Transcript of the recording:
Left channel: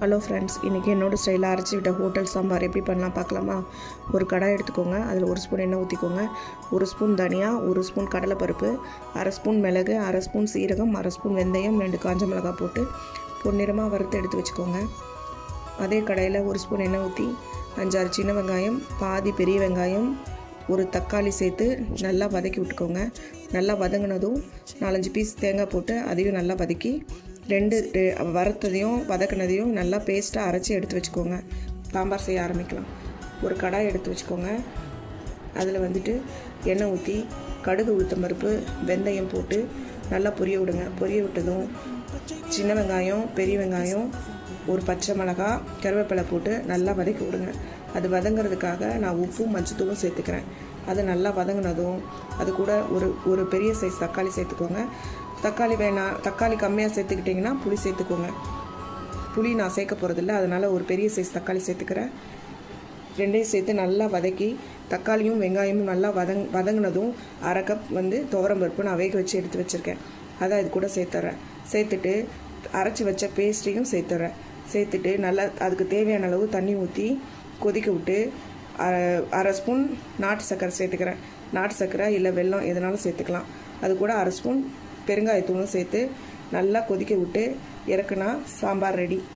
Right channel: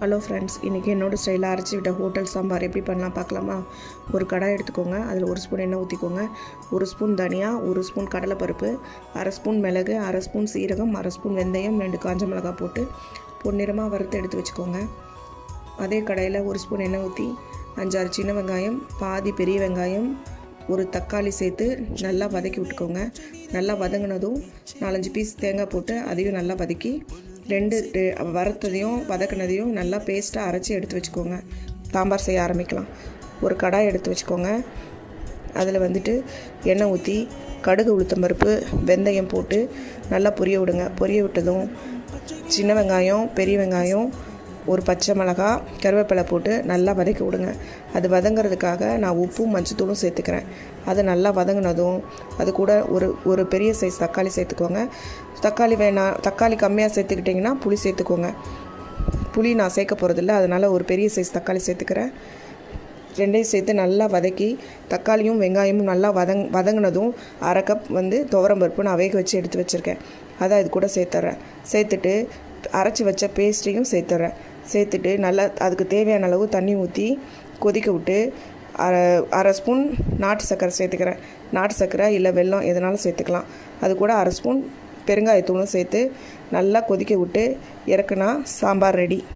Hello friends, இன்றைக்கி என்னோடய ஸ்டைலில் அரைச்சி விட்ட ஹோட்டல் சாம்பார் எப்படி பண்ணலாம் பார்க்கலாமா? ஒரு கடாய் எடுத்துக்கோங்க. அதில் 1 ஸ்பூன் எண்ணெய் ஊற்றிக்கோங்க. 1 ஸ்பூன் தனியா, 1 ஸ்பூன் கடலைப்பருப்பு, 1/2 ஸ்பூன் மிளகு, 1/2 ஸ்பூன் சீரகம், 1/2 ஸ்பூன் வெந்தயம், 2 காஞ்ச மிளகாய் போட்டு பொன்னிறமாக வறுத்து எடுத்து வச்சுக்கோங்க. அதே கடாயில் 1 ஸ்பூன் எண்ணெய் ஊற்றி 5-6 சின்ன வெங்காயம், பாதி பெரிய வெங்காயம், ஒரு தக்காளி சேர்த்து நல்லா வதக்கி விட்டுக்கோங்க. நல்லா வதங்கினதும் 4-5 பீஸ் தேங்காய் போட்டு அதையும் நல்லா வதக்கி வறுத்ததையும் வதக்கினதையும் நல்லா பேஸ்ட்டாக அரைச்சி எடுத்து வச்சுக்கோங்க. சாம்பார் செய்ய ஆரம்பிக்கலாம். ஒரு கடாய் எடுத்து வச்சுக்கோங்க. அதில் எண்ணெய் ஊற்றி கடுகு, உளுத்தம்பருப்பு, வெந்தயம் போட்டு நல்லா பொரிய விடுங்க. பொரிய விட்டதும் சின்ன வெங்காயம், பெரிய வெங்காயம், ஒரு பச்சை மிளகாய், கருவேப்பிலை போட்டு நல்லா வதக்கி விடுங்க. அது வதங்கிறதுக்காக நான் உப்பும் மஞ்சத்தூளும் சேர்த்துக்கிறேன். அது நல்லா வதங்கினதும் அது கூட ஒரு பெரிய சைஸ் தக்காளி சேர்த்துக்கோங்க. தக்காளி கம்மியாக சேர்த்துக்கிட்டிங்கன்னா புளி சேர்த்துக்கோங்க. புளி நான் சேர்க்க போகிறதில்ல, அதனால் ஒரு பெரிய சைஸ் தக்காளி சேர்த்துக்கிறேன். ரெண்டையும் சேர்த்து நல்லா வதக்கி தக்காளியும் வெங்காயமும் நல்லா வதங்கினதும் 1/2 கப் துவரம்பருப்பு நான் வேக வச்சு எடுத்து வச்சுருக்கேன். அதை அது கூட சேர்த்துறேன். சேர்த்துட்டு அரைச்சி வச்ச பேஸ்ட்டையும் சேர்த்துட்டு நல்லா அதுக்கு தேவையான அளவு தண்ணி ஊற்றி கொதிக்க விட்டு 1/2 ஸ்பூன் நாட்டு சர்க்கரை சேர்த்துக்கிறேன். நாட்டு சர்க்கரை இல்லை வெல்லம் எதனாலும் சேர்த்துக்கலாம். அது கூட 1/2 ஸ்பூன் பெருங்காயத்தூளும் சேர்த்து நல்லா கொதிக்க விட்டு இறக்குனா சாம்பார் ரெடி.